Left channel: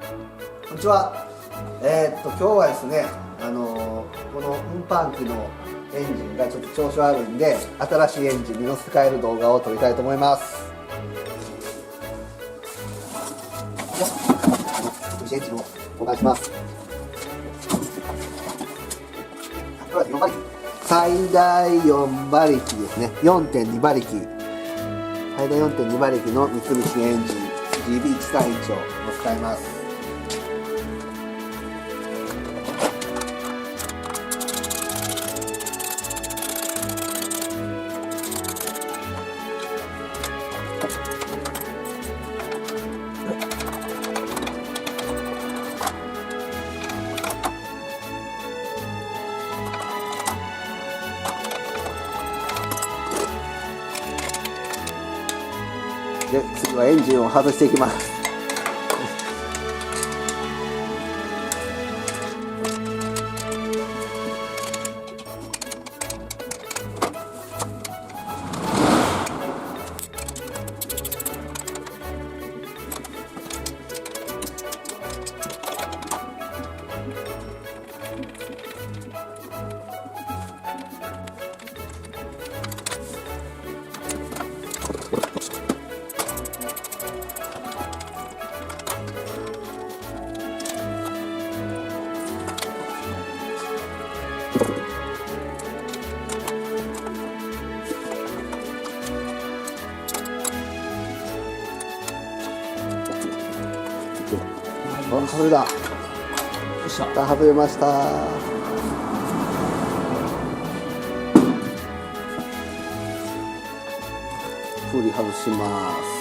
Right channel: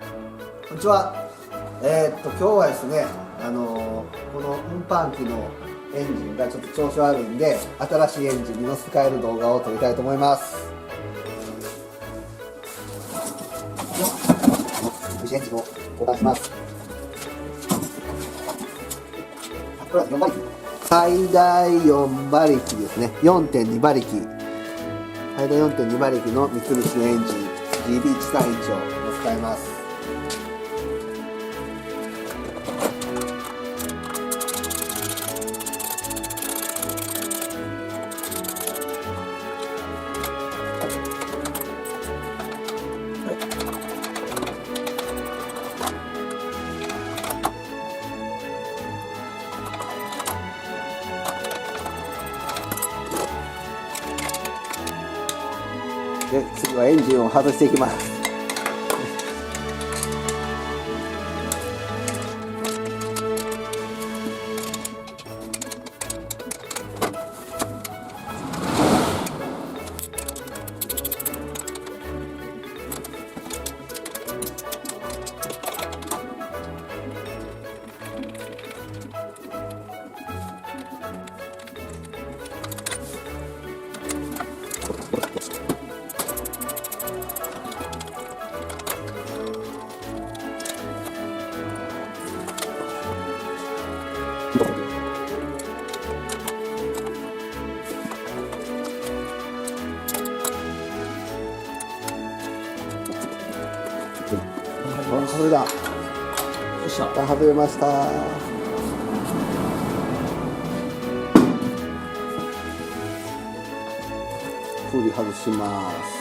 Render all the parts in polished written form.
こんにちは。今日はですね、この運搬機のエンジンがちょっと調子悪いんで、新しいエンジンに乗せ替える動画を撮りたいと思います。エンジンを交換します。最大4馬力ですね。4.2馬力。最大4.2馬力の三菱のエンジン GB131 を使います。で、次はエンジンを外していきます。外れだ。よっしゃ。外れました。振り外します。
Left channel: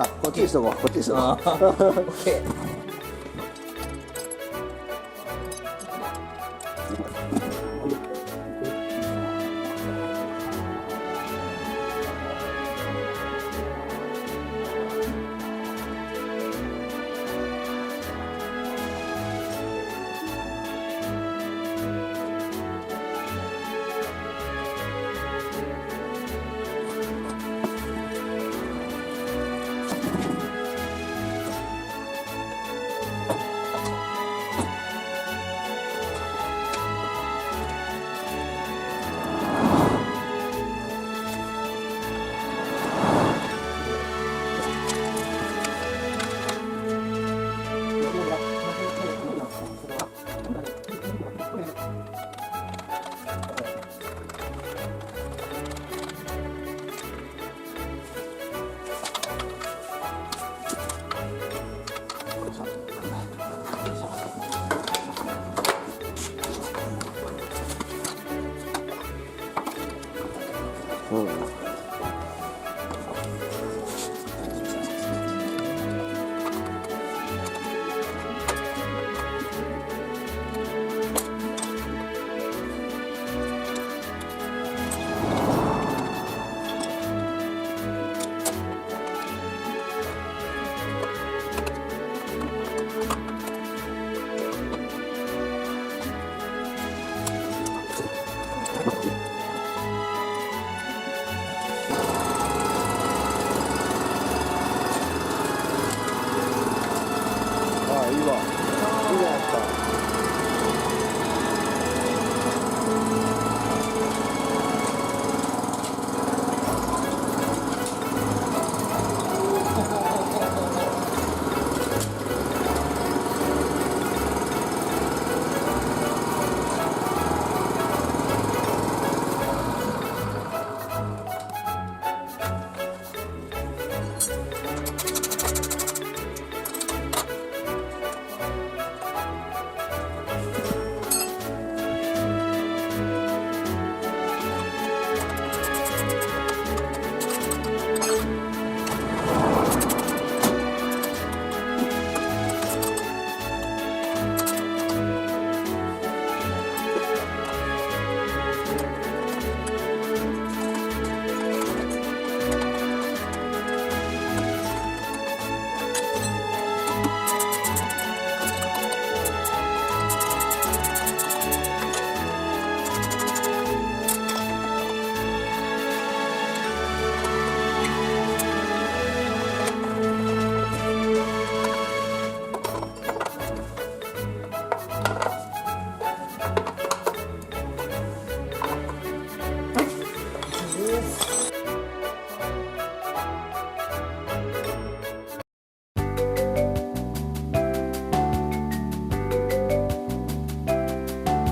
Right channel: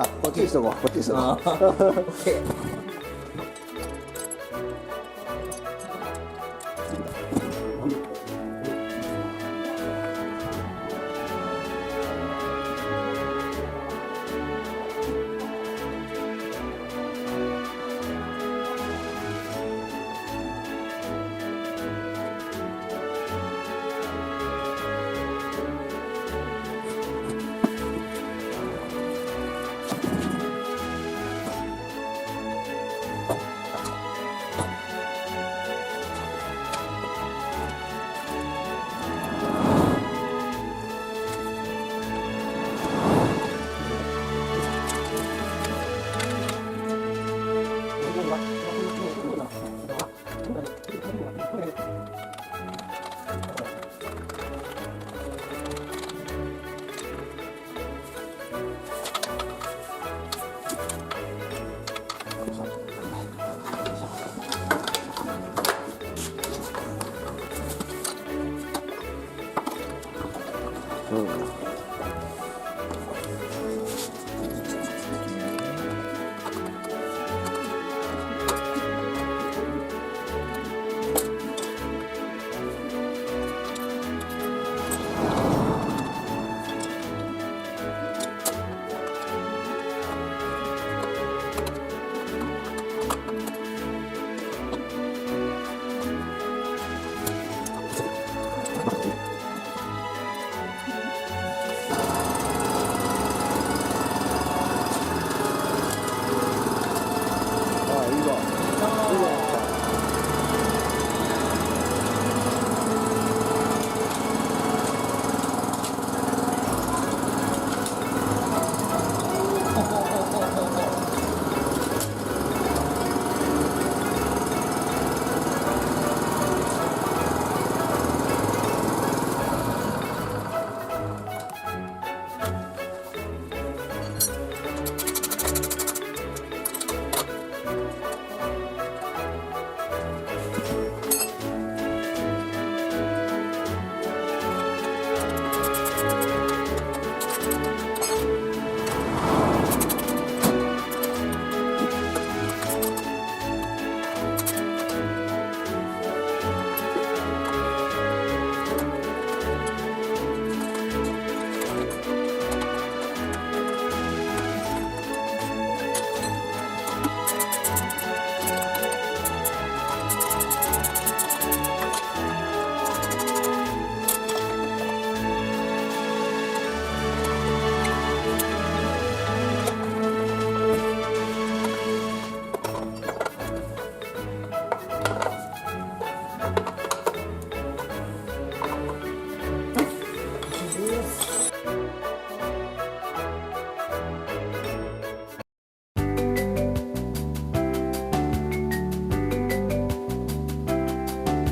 あ、こっちにしとこう。こっちにしとこう。オッケー。